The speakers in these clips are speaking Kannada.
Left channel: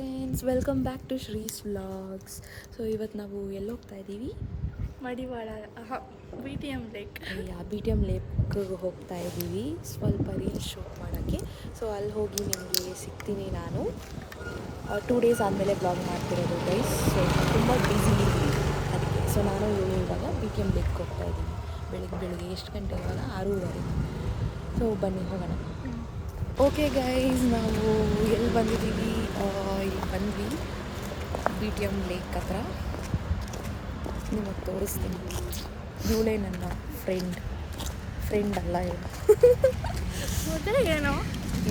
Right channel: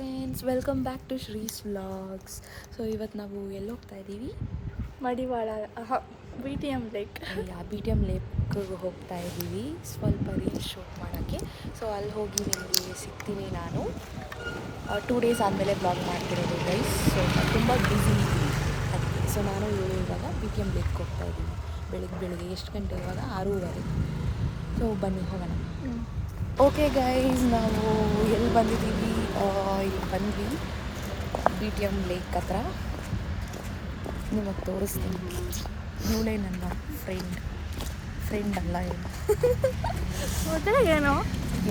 Friends, welcome back to Shree's vlogs. So ಇವತ್ತು ನಾವು ಎಲ್ಲಿ ಹೋಗ್ತಾ ಇದ್ದೀವಿ? Madiwala BTM lake. BTM ಲೇಕ್ಗೆ ಹೋಗ್ತಾ ಇದ್ದೀವಿ ಸ್ವಲ್ಪ ರೀಲ್ಸ್ ಶೂಟ್ ಮಾಡೋಕ್ಕೆ. ಸೊ ಅಲ್ಲಿ ಹೋಗಿ ನಿಮಗೆ ಸಿಗ್ತೀನಿ ನಾನು. 2 ಡೇಸ್ ಆದಮೇಲೆ ಬ್ಲಾಗ್ ಮಾಡ್ತಿರೋದು ಗೈಸ್. ಸ್ವಲ್ಪ ತುಂಬ ಬ್ಯುಸಿ ಅದಕ್ಕೆ. ಸೊ ನಾನು ಇವಾಗ BTM ಲೇಕ್ಗೆ ಹೋಗ್ತಾ ಇದ್ದೀವಿ. ಬೆಳಿಗ್ಗೆ ಎಷ್ಟು ಗಂಟೆ ಇವಾಗ? 6:30. ಸೊ ಬನ್ನಿ ಹೋಗೋಣ. ಓಕೆ ಗೈಸ್, ನಾವು ಎಲ್ಲಿ ಬಂದಿದ್ದೀವಿ? ಇಲ್ಲಿ ಬಂದ್ವಿ BTM ಲೇಕ್ ಹತ್ರ. ನಿಮಗೆ ತೋರಿಸ್ತೀನಿ. ಇವಳೇ ನನ್ನ ಫ್ರೆಂಡ್ ಅಲ್ಲ ಏನು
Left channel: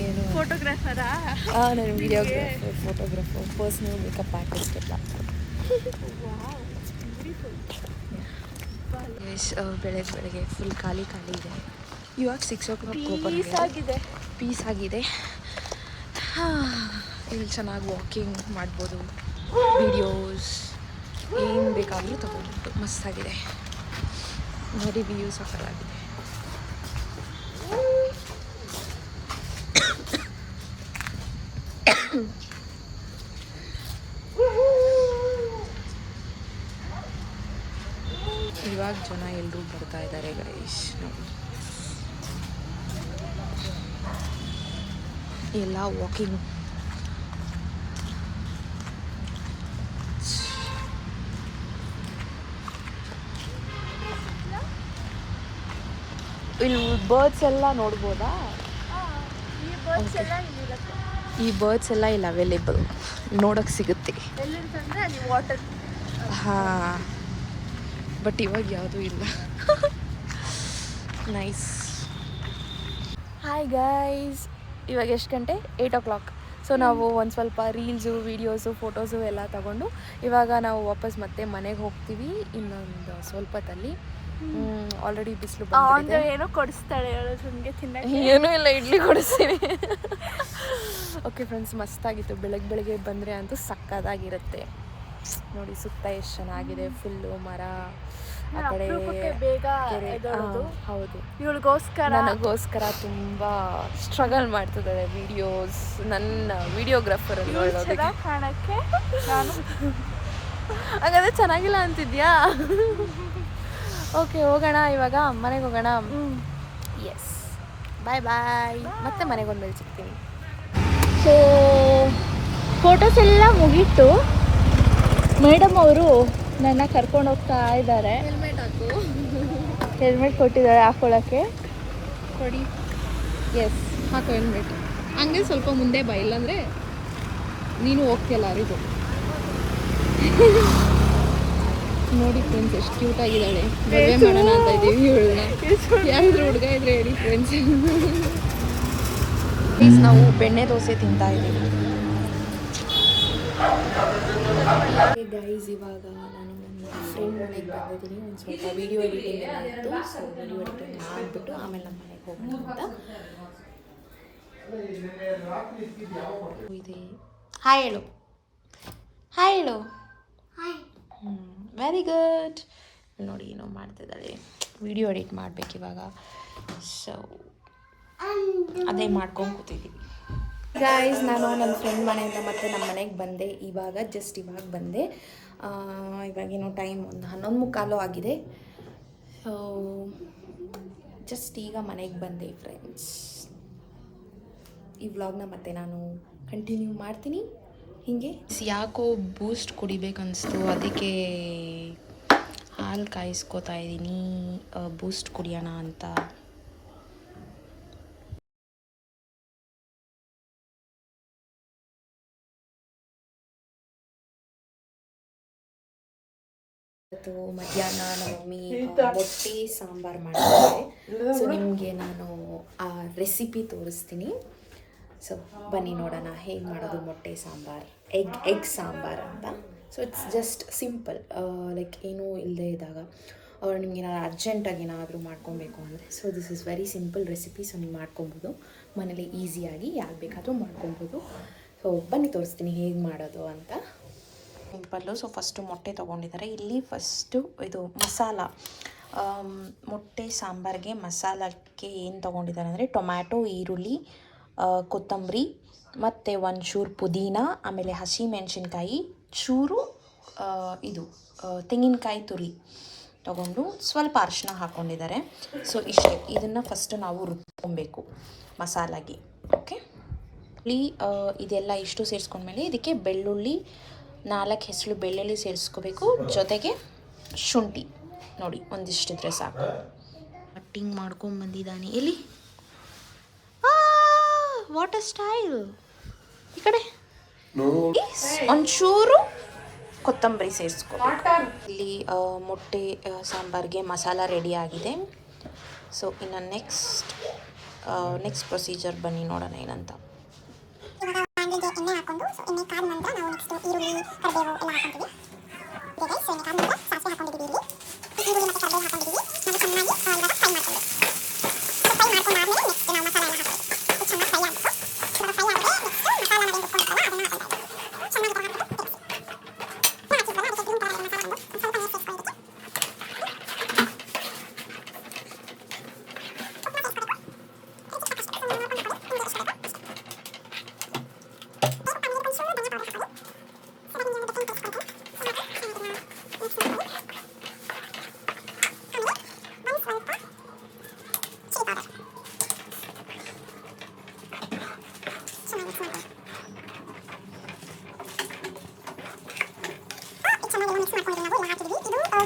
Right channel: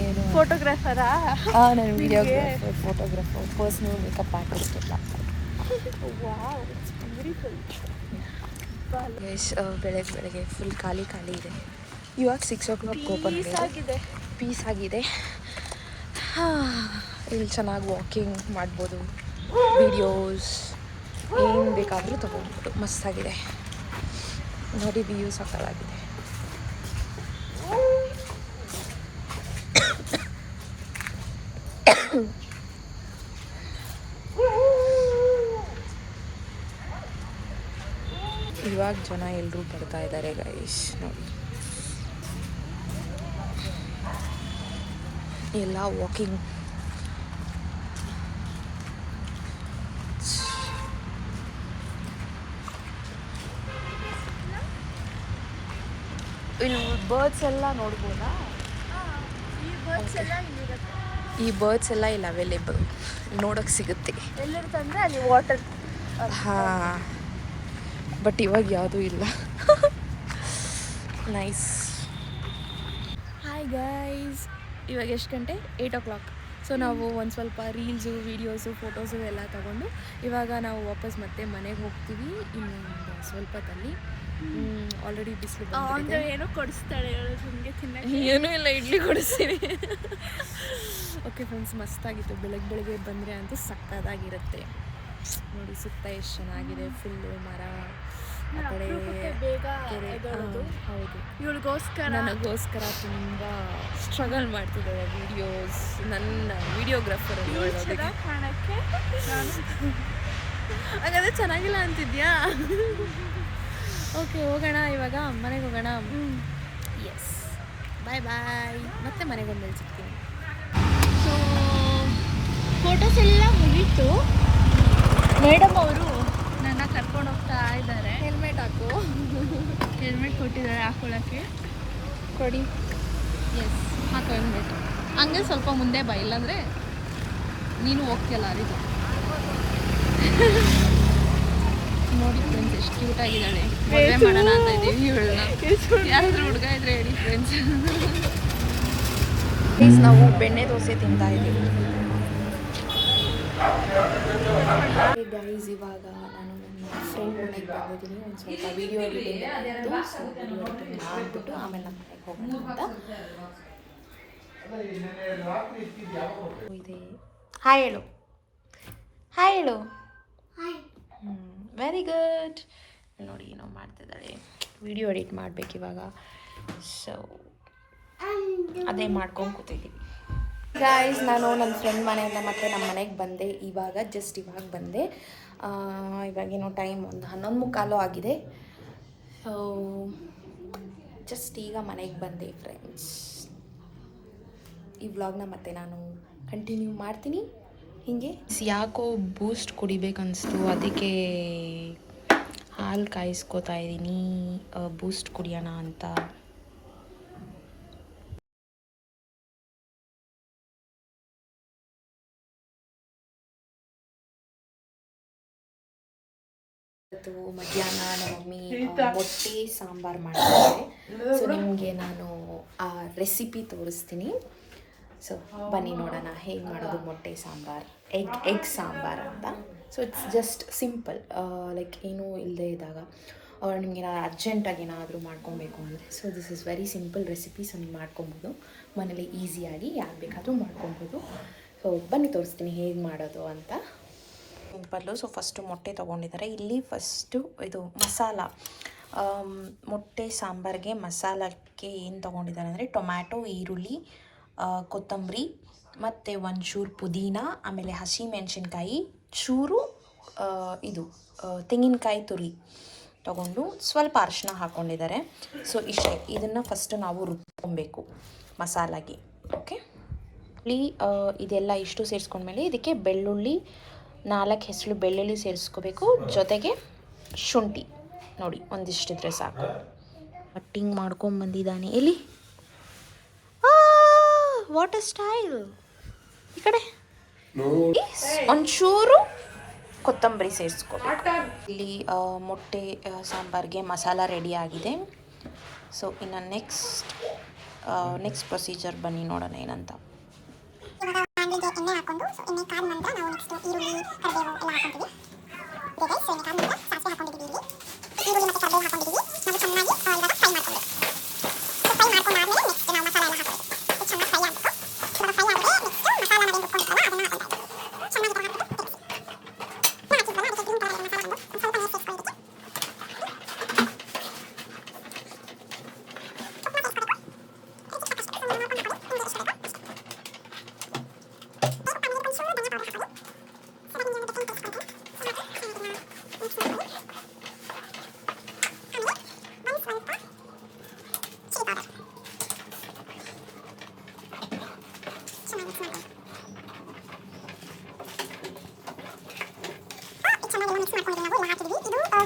ಏನು ಫೋಟೋಗ್ರಾಫರಾ? ನಾನು videographer, photographer, personal makeup artist ಎಲ್ಲ. ಎಸ್, ಬೆಳಗ್ಗೆ ಫುಲ್ ಖಾಲಿ ಇದೆ. ಇವಾಗ 6 o'clock ಓಪನ್ ಆಗಿದೆ. ಪೀಸ್ ಆಗಿದೆ. ಇಲ್ಲಿ ಚೆನ್ನಾಗಿ ವಾಕಿಂಗ್ ಮಾಡ್ಬೋದು, ವಿಡಿಯೋಸ್ ಏನು ಬೇಕಾದರೂ ತೊಗೊಬೋದು. ಮಸ್ತಾಗಿದೆ ನೋಡಿ, ವ್ಯೂ ಸಕ್ಕತ್ತಾಗಿದೆ. ಇವಾಗ ಜನ ಎಲ್ಲರೂ ಬರ್ತಾ ಇದ್ದಾರೆ ಗೈಸ್. ನೋಡಿ ಎಲ್ಲ ವಾಕಿಂಗ್. ಇಲ್ಲಿ ಬರ್ಡ್ಸ್ ಎಲ್ಲ ನೋಡ್ಬೋದಾ? ಈ ಬರ್ಡ್ಸ್ ಎಲ್ಲ ಇಲ್ಲಿ ಅವೈಲೇಬಲ್, ನೋಡೋಕ್ಕೆ ಸಿಗುತ್ತೆ. ಎಲ್ಲಿರ್ತಂದ್ರೆ ಅಲ್ಲಿ ವಾಟರ್. ಹಾಂ, ಬಟ್ ಇವಾಗ ಯಾವುದೂ ಇಲ್ಲ. ನೈಸ್. ಹಾಯ್ ಗೈಸ್, ಇವಾಗ ಎಷ್ಟು ಗಂಟೆ? 8 o'clock. ಸೊ ನಾವು ಒಂದು ಸ್ವಲ್ಪ ರೀಲ್ಸು, ವೀಡಿಯೋಸು, ಫೋಟೋಸು ಎಲ್ಲ ತಗೊಂಡು ಇವಾಗ ನಾವು ವಾಪಸ್ ಮತ್ತೆ ಮನೆಗೆ ಹೋಗ್ತೀವಿ ಇನ್ನೊಂದು ಸ್ವಲ್ಪ ಹೊತ್ತಲ್ಲಿ. ಆಲ್ರೆಡಿ ಬಿಸಿಲು ಬಂದಿದೆ. ಏನೋ ಕೊಡಿಸ್ತಾಳೆ ನಿಮಗೆ ತಿನ್ನಕ್ಕೆ. ಏನೂ ಇಲ್ಲ, ಇಡ್ಲಿ ಕೊಡಿಸ್ತೀನಿ. ಓಕೆ ಫ್ರೆಂಡ್ಸ್, ಮಸ್ತಾಗಿತ್ತು. ಬೆಳಗ್ಗೆ ಬಂದರೆ ಅಂತೂ ಸಕ್ಕತ್ತಾಗಿರುತ್ತೆ. ನೋಡಿ ಸುತ್ತ ಎಷ್ಟು ಚೆನ್ನಾಗಿದೆ. ಫುಲ್ಲು ಮರ, ಆ ಕಡೆ ಬೇಗ ಹೌದು. ಇವಳಿಗೋಸ್ಕರ, ನನಗೋಸ್ಕರ ತುಂಬ ಸ್ಟ್ರಗಲ್ ಮಾಡ್ತಿದ್ದಾರೆ ವಿಡಿಯೋಸ್. ನನ್ನ ವಿಡಿಯೋಗ್ರಾಫರ್ ಅಲ್ಲಿ ಕಾಣಕ್ಕೆ ನಾನು ಹಾಗಾದ್ರೆ ಚೆನ್ನಾಗಿಲ್ಲ ಅಂತಿದ್ಯಾ? ಓಕೆ, ಹೋಗೋಣ ಇವಾಗ, ಮನೆಗೆ ಹೋಗೋಣ. ಎಸ್, ಬಾಯ್. ಮತ್ತೆ ಮನೆಗೆ ಬಂದ್ಮೇಲೆ ಸಿಗ್ತೀನಿ. ಸೊ ಫೋಟೋಸ್ ಎಲ್ಲ ಮುಗೀತು. ಮೇಡಮ್ ಅವರು ನನ್ನ ಕರ್ಕೊಂಡು ಹೋಗ್ತಾ ಇದ್ದಾರೆ. ಹೆಲ್ಮೆಟ್ ಕೊಟ್ಟಿದ್ದಾರೆ ಹಾಕೊಳ್ಳೋಕ್ಕೆ. ಕೊಡಿ. ಎಸ್, ಹಾಕೋ ಹೆಲ್ಮೆಟ್. ಹಂಗೆ ಸ್ವಲ್ಪ ಮುಂದೆ ಬಾ, ಇಲ್ಲಾಂದರೆ ನೀನು ಹೋಗ್ತೀಯಲ್ಲ ಅರಿದು. ನೋಡಿ ಫ್ರೆಂಡ್ಸ್, ಎಷ್ಟು ಕ್ಯೂಟ್ ಆಗಿದ್ದಾಳೆ. ಮದುವೆ ಮಾಡೋಣ ಅಂತ ಇದ್ದೀವಿ ಇವಳನ್ನ. ಯಾರಾದ್ರೂ ಹುಡುಗ ಇದ್ರೆ ಹೇಳಿ ಫ್ರೆಂಡ್ಸ್. ನಾವು ಬೆಣ್ಣೆ ದೋಸೆ ತಿಂತಾ ಇದ್ದೀವಿ ಗೈಸ್. ಇವಾಗ ನಾನು ನನ್ನ ಫ್ರೆಂಡ್ ಮನೆಗೆ ಬಂದಿದ್ದೀನಿ. ಒಂದು ಸ್ವಲ್ಪ ವಿಡಿಯೋ ಎಡಿಟಿಂಗ್ ಎಲ್ಲ ಇತ್ತು. ಸೊ ವಿಡಿಯೋ ಎಡಿಟಿಂಗ್ ಮಾಡಿಬಿಟ್ಟು ಆಮೇಲೆ ನಮ್ಮ ಮನೆಗೆ ಹೋಗೋಣ ಅಂತ ಇದೆ. ಹಾಯ್ ಹೇಳು. Very good. ನೋಡಿ ಏನೋ ಮಾಡ್ತಿದ್ದಾಳೆ, ವಿಡಿಯೋ ಎಡಿಟ್ ಮಾಡಬೇಕು ಇವಾಗ. ಸೊ ಅದೇ ಮಾಡ್ಕೊಂಡು ಕೂತಿದ್ದೀವಿ ಗೈಸ್. ನಾನು ನನ್ನ ಫ್ರೆಂಡ್ ಮನೆಯಿಂದ ಮತ್ತೆ ನಮ್ಮ ಮನೆಗೆ ಬಂದೆ. ಇವಾಗ ಬಂದೆ. ಇವಾಗೇನೋ ಟೈಮ್ ಒಂದು 11:15 ಆಗಿದೆ. ಸೊ ಜಸ್ಟ್ ಈಗ ಮನೆಗೆ ಬಂದೆ ಫ್ರೆಂಡ್ಸ್. ಈ ವ್ಲಾಗ್ನ ಮತ್ತೆ ನಾನು ಕಂಟಿನ್ಯೂ ಮಾಡ್ತೀನಿ ಹೀಗೆ. ಯಾಕೋ ಬೂಸ್ಟ್ ಕುಡಿಬೇಕನ್ನಿಸ್ತು, ಅದಕ್ಕೆ ಹಾಲು ಕಾಯಿಸ್ಕೋತಾ ಇದ್ದೀನಿ ಬೂಸ್ಟ್ ಕುಡಿಯೋಣ ಅಂತ. ಇವತ್ತು ಮಧ್ಯಾಹ್ನ ನಮ್ಮ ಮಮ್ಮಿ ಮೊಟ್ಟೆ ಸಾಂಬಾರು ಮಾಡ್ತಾರೆ. ಸೊ ನಿಮಗೆ ನಾನು ಆ ರೆಸಿಪಿ ತೋರಿಸ್ತೀನಿ. ಸೊ ಬನ್ನಿ ನೋಡೋಣ ಹೇಗೆ ಮಾಡೋದು ಮೊಟ್ಟೆ ಸಾಂಬಾರು, ಎಗ್ ಸಾಂಬಾರು ಅಂತ. So it's just simple, like ಏನೂ ಇಲ್ಲದೆ ಇದ್ದಾಗ ನಿಮಗೆ ಅರ್ಜೆಂಟಾಗಿ ಏನಾದರೂ ಮಾಡ್ಕೊಬೇಕು ಅಂದರೆ, so this is very simple recipe. So ನೀವು ಮಾಡ್ಕೊಬೋದು ಮನೇಲಿ ಈಸಿಯಾಗಿ, ಯಾರು ಬೇಕಾದರೂ ಮಾಡ್ಕೊಬೋದು. ಸೊ ಬನ್ನಿ ತೋರಿಸ್ತೀನಿ ಹೇಗೆ ಮಾಡೋದು ಅಂತ. ಸಿಂಪಲ್ಲು. ಸೊ ಫಸ್ಟು ಮೊಟ್ಟೆ ತೊಗೊಂಡಿದ್ದಾರೆ. ಇಲ್ಲಿ ಫಸ್ಟು ಇದು ಮಸಾಲ, ಮೊಟ್ಟೆ ಸಾಂಬಾರಿಗೆ ಮಸಾಲಕ್ಕೆ ಏನು ತೊಗೊಂಡಿದ್ದಾರೆ ಅಂದರೆ ಟೊಮ್ಯಾಟೊ, ಈರುಳ್ಳಿ, ಕೊತ್ತಂಬರಿ, ಮತ್ತು ಒಂಚೂರು ಪುದೀನ, ಆಮೇಲೆ ಹಸಿಮೆಣಸಿನ್ಕಾಯಿ, ಚೂರು ಇದು ತೆಂಗಿನಕಾಯಿ ತುರಿ ತಗೊಂಡು ಸ್ವಲ್ಪ ಅರಿಶಿನ ಹಾಕ್ಕೊಂಡಿದ್ದಾರೆ. ಸೊ ಇಷ್ಟೇ, ಇದನ್ನು ಫಸ್ಟು ನಾವು ರುಬ್ಕೊಬೇಕು ಮಸಾಲಾಗಿ. ಓಕೆ, ಇಲ್ಲಿ ಇದೆಲ್ಲ ಇಷ್ಟು ಸೇರಿಸ್ಕೊಂಡ್ಮೇಲೆ ಇದಕ್ಕೆ ಬೆಳ್ಳುಳ್ಳಿ 4 ಹೆಸರು ಬೆಳ್ಳುಳ್ಳಿ ಸೇರಿಸ್ಕೋಬೇಕು, ಜೊತೆಗೆ ಶುಂಠಿ ನೋಡಿ ಒಂದಿಷ್ಟಿದ್ರೆ ಸಾಕು. ಕಟ್ಟಿಂಗ್ ಮಾಡ್ಕೊಂಬಂದಿದ್ದಾನೆ. ಎಲ್ಲಿ ವಾಟರ್ ಸ್ಟೈಲ್ ಈ ಕಡೆ ಒಂಚೂರು ಕೊತ್ತಂಬರಿ ಸೇರಿಸ್ಕೋಬೇಕು. ಇಲ್ಲಿ ಮೊಟ್ಟೆ ಸಾಂಬಾರಿಗೆ ಮಸಾಲ ರೆಡಿ ಆಗಿದೆ. ಸೊ ಇನ್ನು ನೆಕ್ಸ್ಟ್ ಪ್ರೊಸೀಜರ್ ಬನ್ನಿ ನೋಡೋಣ ಏನಂತ. ಎಣ್ಣೆ ಹಾಕೊಂಡು ಎಣ್ಣೆ ಕಾದ ನಂತರ ನಾವು ನೆಕ್ಸ್ಟ್ ಈರುಳ್ಳಿ ಕರಿಬೇವು ಎಲ್ಲ ಹಾಕೊಂತೀವಿ. ಸೊ ಎಣ್ಣೆ ಕಾದ ನಂತರ ಸಾಸಿವೆ ಹಾಕೊಂಡಿದ್ದೀವಿ. ಇಲ್ಲಿ ಈರುಳ್ಳಿ ಮತ್ತು ಕರಿಬೇವು ಹಾಕೊಂಡಿದ್ದೀವಿ. ನಾವು ಚೆನ್ನಾಗಿ ಇವಾಗ ಫ್ರೈ ಮಾಡ್ಕೊಂಡು ಫ್ರೈ ಮಾಡ್ಕೊಂಡಾದ್ಮೇಲೆ ನೆಕ್ಸ್ಟ್ ನಾವು ಮಸಾಲ ಎಲ್ಲ ಹಾಕೋದು. ಚೆನ್ನಾಗಿ ಫ್ರೈ ಆಗಬೇಕು. ಇವಾಗ ಫ್ರೈ ಆದರೆ ನೆಕ್ಸ್ಟ್ ಮಸಾಲ ನಾವು ರುಬ್ಕೊಂಡಿರ್ತೀವಲ್ಲ ಅದನ್ನು ಹಾಕೊಳ್ತಾ ಇದ್ದೀವಿ. ಚೆನ್ನಾಗಿ ಹಾಕಿದ್ವಲ್ಲ ಅದಕ್ಕೆ ಗ್ರೀನ್ ಕಲರ್ ಮಸಾಲ ಒಂದು ಸ್ವಲ್ಪ ನೀರು ಸೇರಿಸ್ಕೊಳ್ಳೋದಕ್ಕೆ.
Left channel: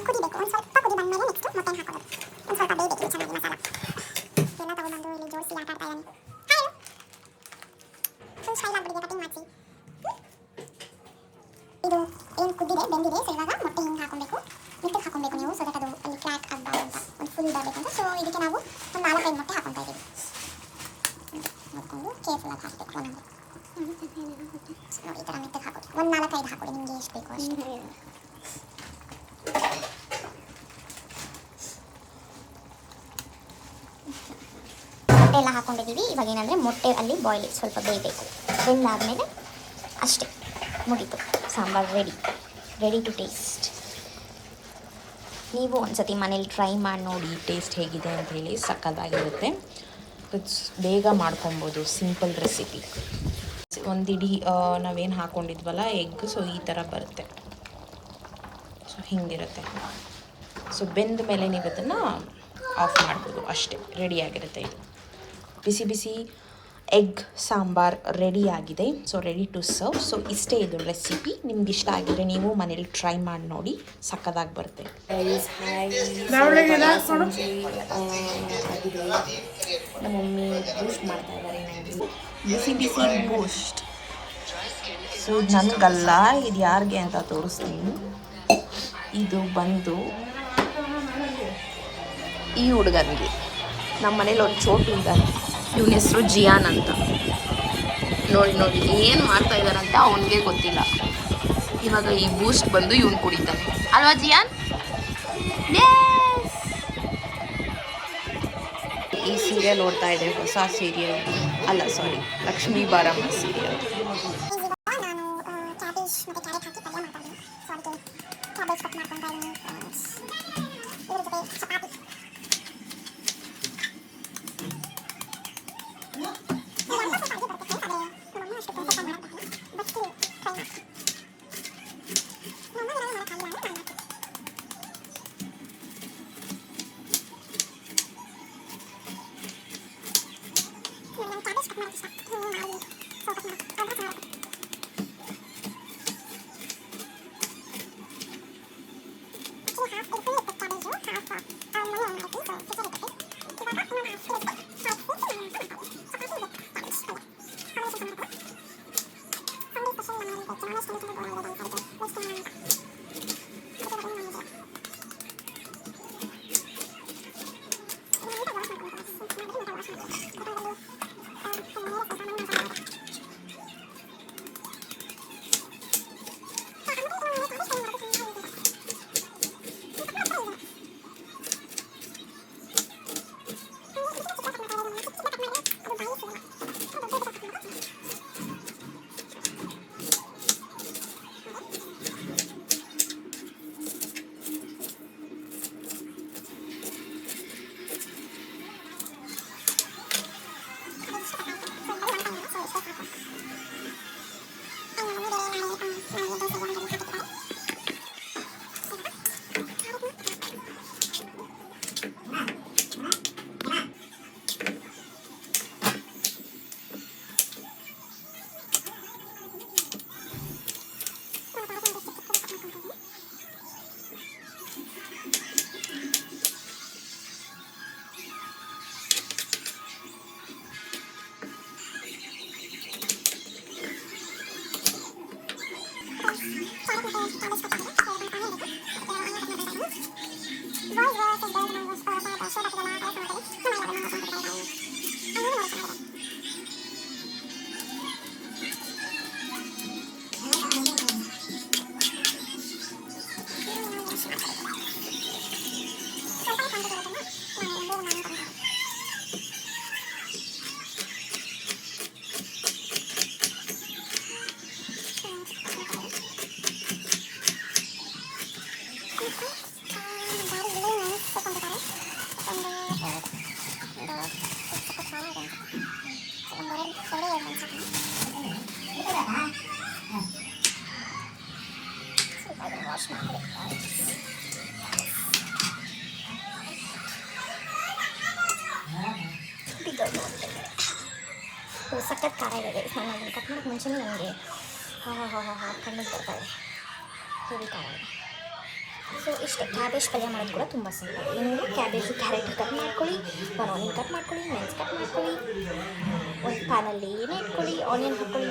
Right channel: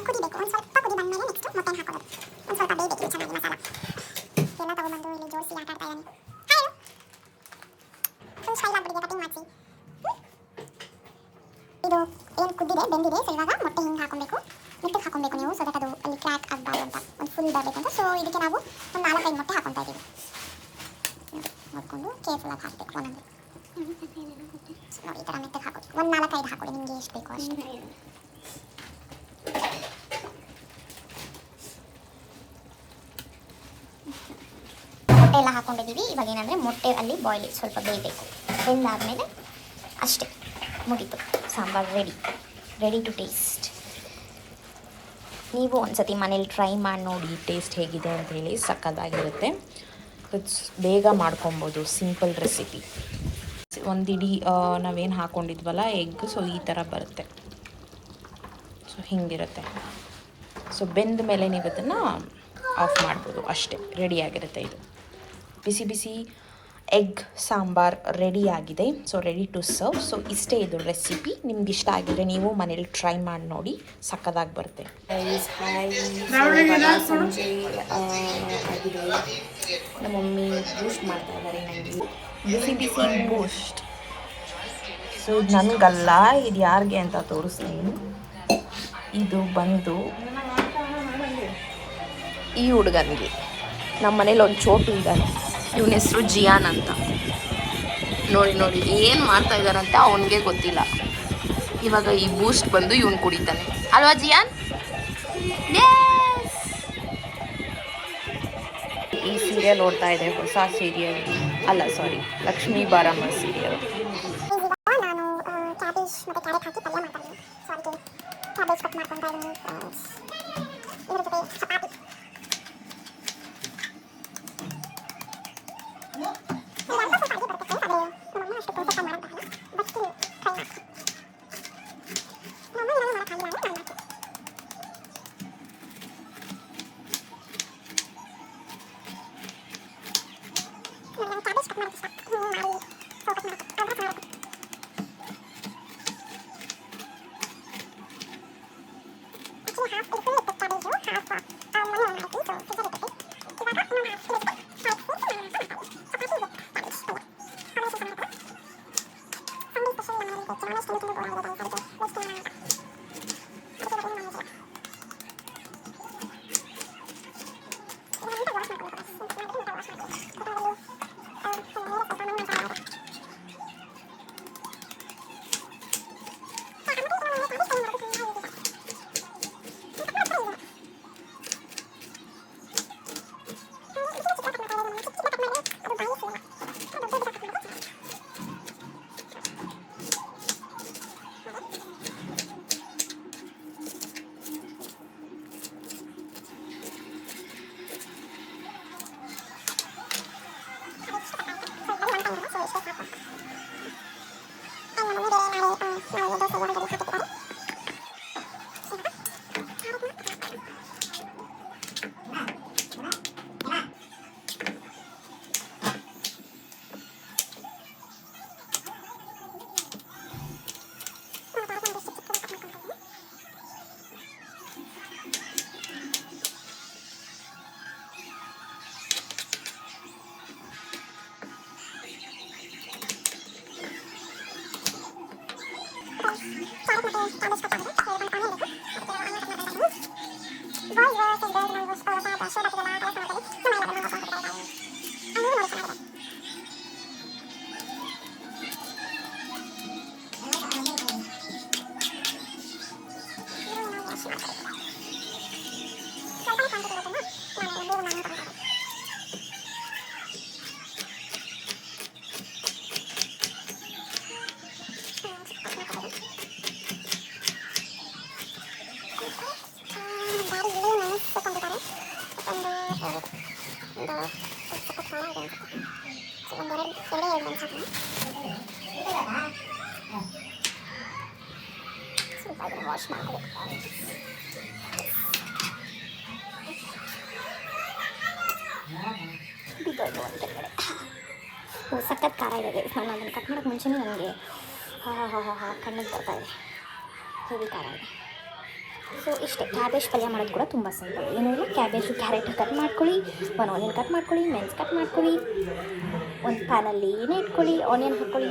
ಕುದಿಬೇಕು. ಒಂದು ಸ್ವಲ್ಪ ಕುದಿ ಬಂದಮೇಲೆ ನೆಕ್ಸ್ಟ್ ಮೊಟ್ಟೆ ಹಾಕೋದು. ಒಂದು ಸ್ವಲ್ಪ ಬೇಯಬೇಕು ಚೆನ್ನಾಗಿ ಮಸಾಲ ಎಲ್ಲ ತಗೊಂಡ್ಬಂದು ಇಲ್ಲಿ ಜೋಡಿಸಿ ಆಟ ಆಡ್ತಾ ಇದ್ದಾನೆ. ಫುಲ್ ಸ್ಟೈಲ್ ಆಗಿಬಿಟ್ಟಿದೆ ಕಟಿಂಗ್ ಮಾಡಿಸಿ. ಇದು ಏನು ಕುದ್ದಿದೆ ಬೆಂದಿದೆ. ಸೊ ಇವಾಗ ಮೊಟ್ಟೆ ಹಿಂಗೆ ಹಾಕೊಬೇಕು, ಮೆತ್ತಗೆ ಹಾಕೊಬೇಕು ನೀವು, ಸೊ ದಟ್ ಅದು ಅಲ್ಲಿ ಕ್ರ್ಯಾಕ್ ಆಗಬಾರ್ದು ಅಂತ, ಒಂದು ಫುಲ್ ಬರಬೇಕು ಅಂತ. ಸೊ ಇದಕ್ಕೆ ನಾವು ಒಂದು 4-5 ಮೊಟ್ಟೆ ಹಾಕೊತಾ ಇದ್ದೀವಿ. ನೋಡಿಕೊಂಡು ಕೇರ್ಫುಲ್ ಆಗಿ ಹಾಕಬೇಕು ಒಂದೊಂದು. ನೋಡಿ ಈ ಥರ ಮೆತ್ತಗೆ ಹಾಕೋದು. ಒಂದು 4-5 ಹಾಕೊಳ್ಳಿ, ನಿಮಗೆ ಎಷ್ಟು ಬೇಕು ಅಷ್ಟು. ಮೊಟ್ಟೆ ಎಲ್ಲ ಹಾಕೊಂಡಿದ್ದೀವಿ. ಇವಾಗ ಏನಂದರೆ ಮೊಟ್ಟೆ ಅಲ್ಲಿ ಬಾಯ್ಲ್ ಸ್ವಲ್ಪ ಬೇಯಬೇಕು. ಬೆಂದಾದಮೇಲೆ ಅಷ್ಟೇ, ಮುಗೀತು, ಸಾಂಬಾರು ರೆಡಿ ಟು ಟೇಸ್ಟ್. ನೀವು ಒಂದ್ಸತಿ ಮನೇಲಿ ಟ್ರೈ ಮಾಡಿ ನೋಡಿ ಟೇಸ್ಟ್ ಹೇಗಿದೆ ಅಂತ ಹೇಳಿ. ಸಕ್ಕತ್ತಾಗಿರುತ್ತೆ. ಬೇಗ ಮಾಡ್ಕೊಬೋದು, ಸಿಂಪಲ್ ರೆಸಿಪಿ. ಒಂದಿಡೀ ನಾವೇನು ಹಾಕ್ಕೊಂಡಿದ್ವಲ್ಲ ಎಗ್, ಸೊ ಈ ಥರ ಬರುತ್ತೆ. ಸೊ ಹಿಂಗಿರುತ್ತೆ. ಸೊ ಬೆಂದ ಮೇಲೆ ನೀವು ಇದನ್ನು ಆಫ್ ಮಾಡ್ಬೋದು ಅಷ್ಟೇ, ರೆಡಿಯಾಗಿರುತ್ತೆ. ಇದು ಬಿಸಿ ಬಿಸಿ ಎಗ್ ಸಾಂಬಾರ್ ರೆಡಿಯಾಗಿದೆ. So ready to serve. So ಇಷ್ಟೇ ಇದು ರೆಸಿಪಿ. ನಿಮ್ಗೆ ಇಷ್ಟ ಆಗಿದ್ರೆ ನೀವು ಮನೇಲಿ ಟ್ರೈ ಮಾಡಿ ನೋಡಿ, ಸಕ್ಕದಾಗಿ ಬರುತ್ತೆ. ಸಂಜೆ ಆಗಿದೆ. ನಮ್ಮ ಮಮ್ಮಿ ಬೂಸ್ಟ್ ಮಾಡ್ತಾ ಇದ್ದಾರೆ ನನಗೆ, ಬಿಸಿ ಬಿಸಿ ಬೂಸ್ಟ್. ಸೊ ಇದು ನನಗಲ್ಲ, ಇದು ಯಾರಿಗೆ ಅಂತ ತೋರಿಸ್ತೀನಿ. ಇದು ಬಂದು ಈ ಹುಡುಗನಿಗೆ. ನಮ್ಮ ಮನೇಲಿ ಒಂದು ಚೋಟು ಇದ್ದಾನೆ, ಇವನ ಹೆಸರು ಜಿಯಾನ್ ಅಂತ. ನೋಡಿ ಏನು ಮಾಡ್ತಾ ಇದ್ದಾರಂತ ಅವನಿಗೆ ಗೊತ್ತಿಲ್ಲ. ಇವಾಗ ಈ ಬೂಸ್ಟ್ ಬಂದು ಇವನು ಕುಡಿತಾನೆ ಅಲ್ವಾ ಜಿಯಾನ್? ಈ ಸೀರಿಯಲ್ ಓಡ್ತಾ ಇದೆ, ಹೊಸ ಸೀರಿಯಲ್ ಅಲ್ಲ, ಸಾರಿ, ಲಕ್ಷ್ಮೀ ಬಾರಮ್ಮ ಸೀರಿಯಲ್. ಸಖತ್ ಖಾರ ಇದೆ ನಾನು ಕಟ್ ಮಾಡೋಕ್ಕೆ ಮುಂಚೆನೇ ನನಗೆ ಕಣ್ಣಿಗೆ ಬರ್ತಾರೆ ಹೆವಿ ಖಾರ ಇದೆ. ಸೊ ಇಷ್ಟೇ. ಕ್ಯಾಬೇಜ್ ಪಲ್ಯ ಮಾಡೋದು ಕೂಡ ತುಂಬ ಸಿಂಪಲ್. ಏನಾದರೂ ಕ್ಯಾಬೇಜ್ ಕ್ಯಾರೆಟ್ ಕಟ್ ಮಾಡ್ಕೊಳ್ಳಿ, ಒಂದು ಆನಿಯನ್ ಕಟ್ ಮಾಡ್ಕೊಳ್ಳಿ, ಮೆಣಸು ಕಟ್ ಮಾಡ್ಕೊಳ್ಳಿ, ಒಂದು ಪ್ಯಾನಲ್ಲಿ ಏನೇ ಇಟ್ಕೊಳ್ಳಿ, ಆನಿಯನ್ ಹಾಕ್ಕೊಳ್ಳಿ.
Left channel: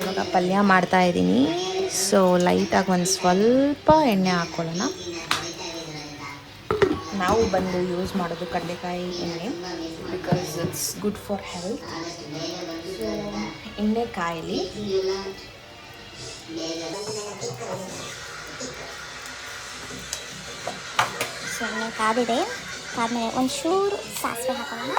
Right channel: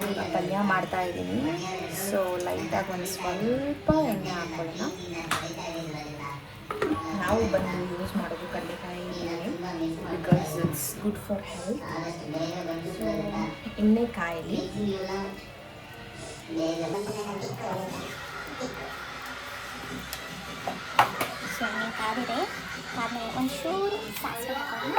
ಇವಾಗ ಪಲ್ಯ ಮಾಡ್ತಾ ಇದ್ದೀನಿ. ಸೊ ಲೈಟಾಗಿ ಒಂದು ಸ್ವಲ್ಪ ಎಣ್ಣೆ ಹಾಕ್ಕೊಳ್ಳೋಣ. ನಾವು ಬಂದು ಯೂಸ್ ಮಾಡೋದು ಕಡಲೆಕಾಯಿ ಎಣ್ಣೆ, because it's good for health. So ಎಣ್ಣೆ ಕಾಯಿಲಿ. ಸೊ ಕಾದಿದೆ. ಆಮೇಲೆ ಒಂಚೂರು ಸಾಸಿವೆ ಹಾಕೋಣ.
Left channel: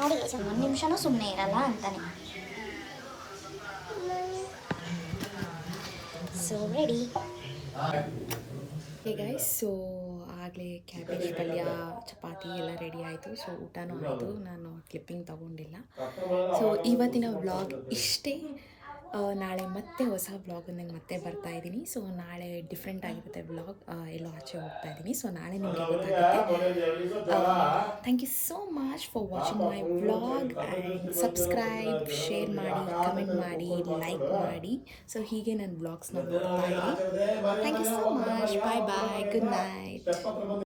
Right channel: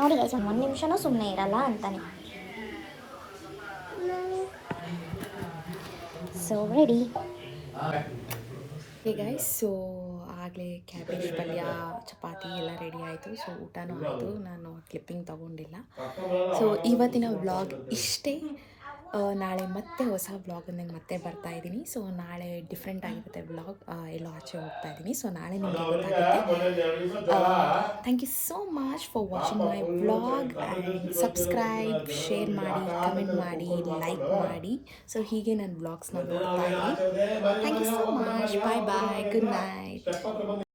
ನೋಡಿ ಒಂದು ನಿಮಿಷನೂ ಸುಮ್ಮನೆ ಇರಲ್ಲ ಅಂತಾನೆ. So ready. Hey guys, so ಆಗಲೇ ಕ್ಯಾಬೇಜ್ ಪಲ್ಯ ಚಪಾತಿ ಎಲ್ಲ ರೆಡಿ ಆಯಿತು. ಸೊ ಊಟನೂ ಆಯಿತು. ನಾನು ಕ್ಲಿಪ್ಪಿಂಗ್ ತೊಗೊಂಡಿಲ್ಲ. ಸೊ ಇವತ್ತಿನ ವ್ಲಾಗ್ ಇಷ್ಟೇ. ನಾಳೆ ಮತ್ತೆ ಹೊಸ ವ್ಲಾಗನ್ನು ಮತ್ತೆ ಬರ್ತಾ ಇದ್ದೀನಿ. ಸೊ ನಾಳೆ ಡಿಫ್ರೆಂಟ್ ಆಗಿರುತ್ತೆ ವ್ಲಾಗ್. ಎಲ್ಲೋ ಆಚೆ ಹೋಗ್ತಾ ಇದ್ದೀನಿ. ಸೊ ನಾಳೆ ನಿಮಗೆ ಗೊತ್ತಾಗುತ್ತೆ. Thank you so much for watching my vlog and subscribe, share ಮಾಡಿ, ಕಮೆಂಟ್ ಮಾಡಿ, ಲೈಕ್ ಮಾಡಿ. ಸೊ ಹೀಗೆ ನನ್ನ ವ್ಲಾಗ್ಸ್ನ ನೋಡ್ತಾ ಇರಿ. Thank you so much. Bye bye. Good night.